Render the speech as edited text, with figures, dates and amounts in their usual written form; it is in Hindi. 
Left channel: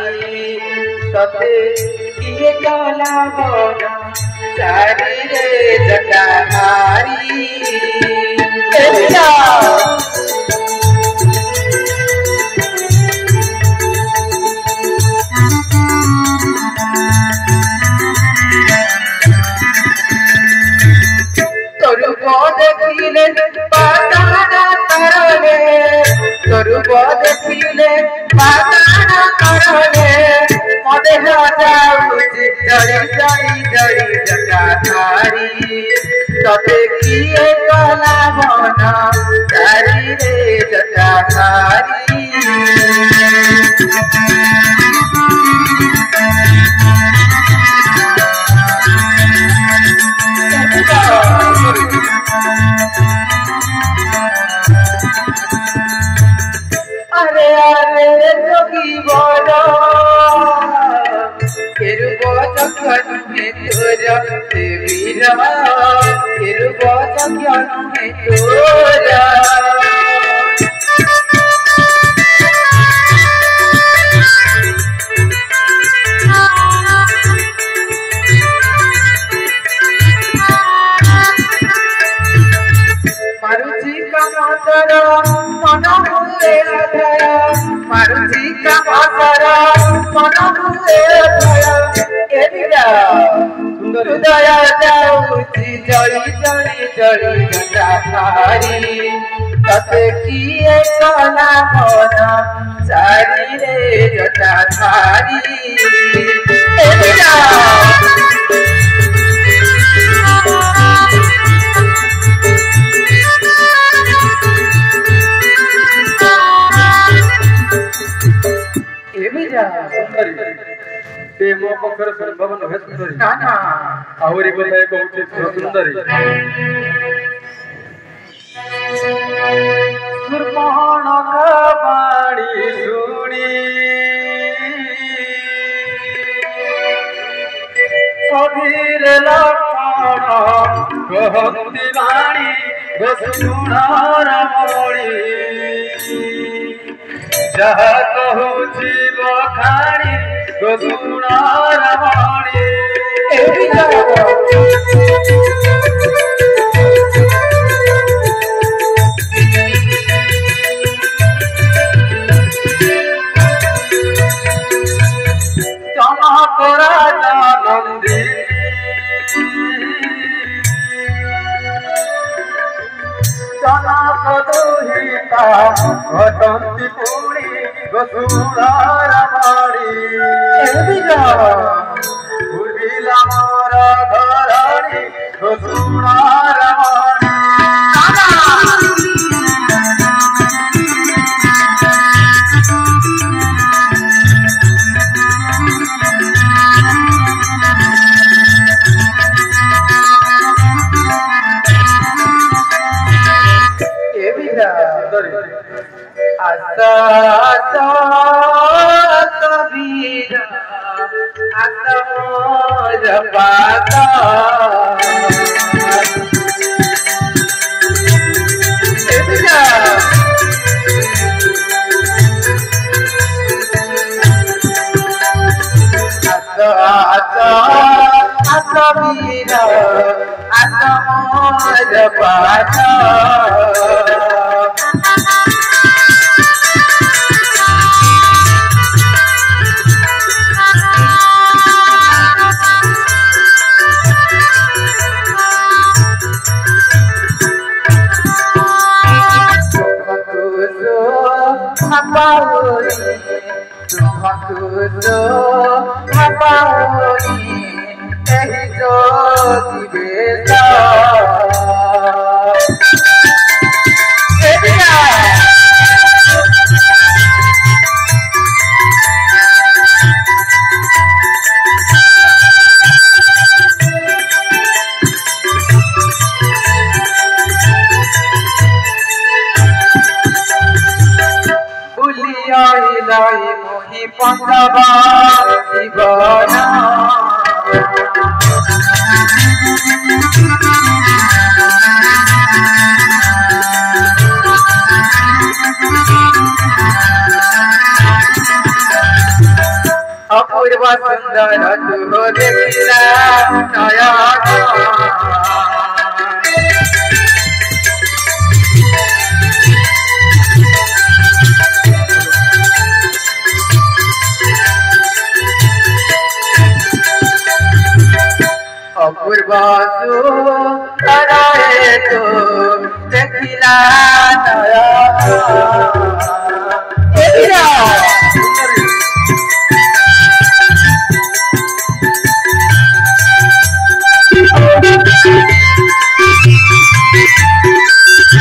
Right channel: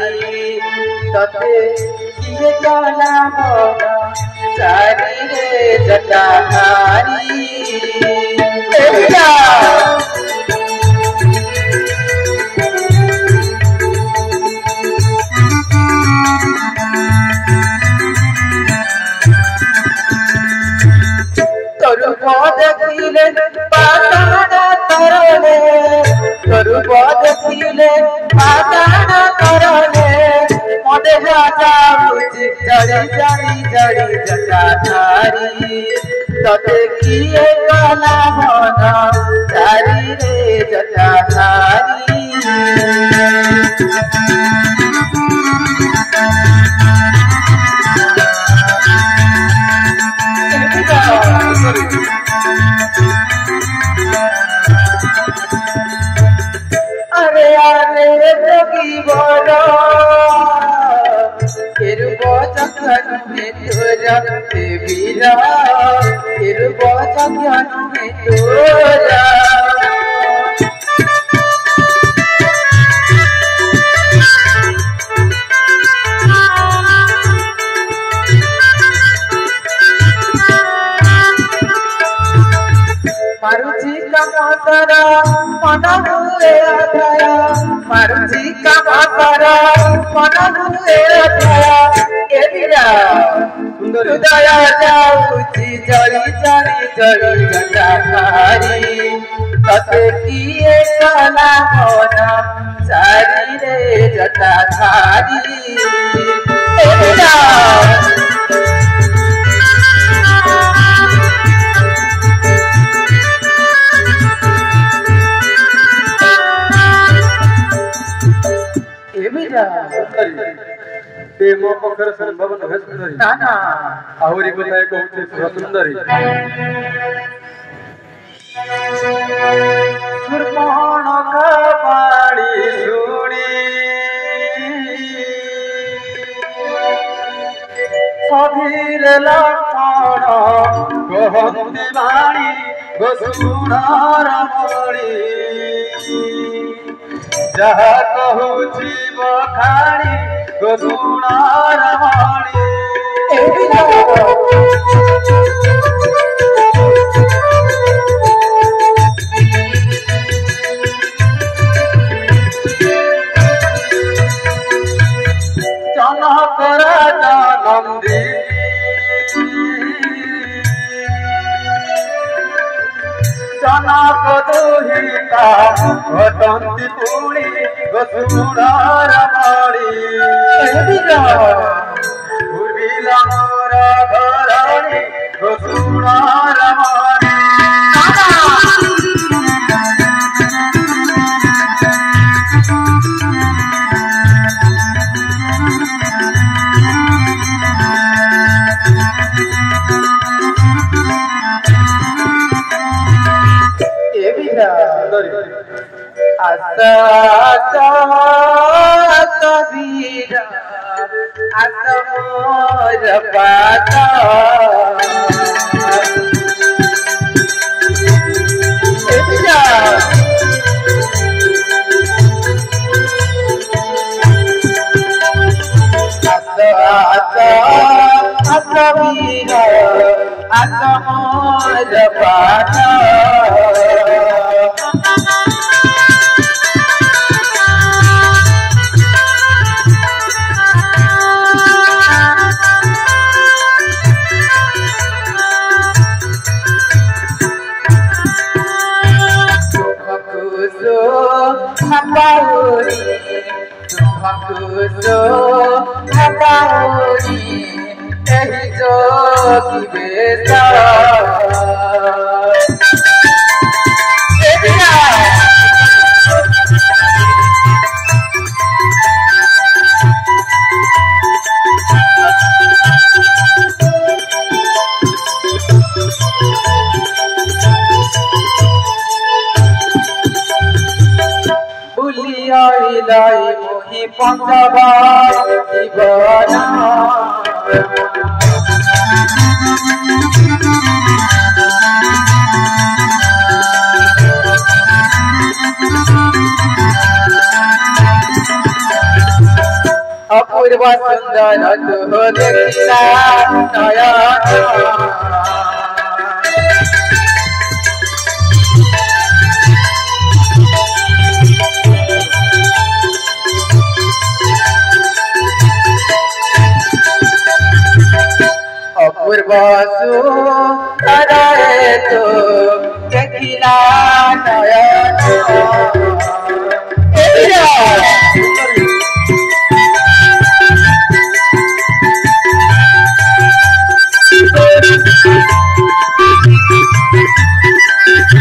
तते किए काला मोना सारी रे जटाधारी देखिले पाताना करने तोरुब देखिले पाताना करने मदे जाऊची जड़ी जड़ी जड़ी जटाधारी तते किए काला मन सारी रे जटाधारी मारुची का मातारा मना हुए आया मारुची का मातारा मना हुए आया एबिया दया जाऊची जड़ी जड़ी जड़ी जटाधारी तते किए काला मोना सारी रे जटाधारी एबिया मो पखर संभव न सुंदरी ना ना आहुरी बताए कहूचे सुंदरी सुरमोहन का बाणी सुनी सधीर लक्षण कहती बाणी गोसुनार मणि जहा कहूची बखाणी गोसुनार मणि जनक राजा नंदी जनक दोहिता घटंती पुणी गोसुनार मणि उर्मिला मोर घराणी गोसुनार मणि आसा आसा आसा वीरा आसा मोर पाता आसा आसा वीरा आसा मोर पाता मोही पंजाबा दीवाना अपूर्व सुंदर तू देखिला नयन अपूर्व सुंदर तू देखिला नयन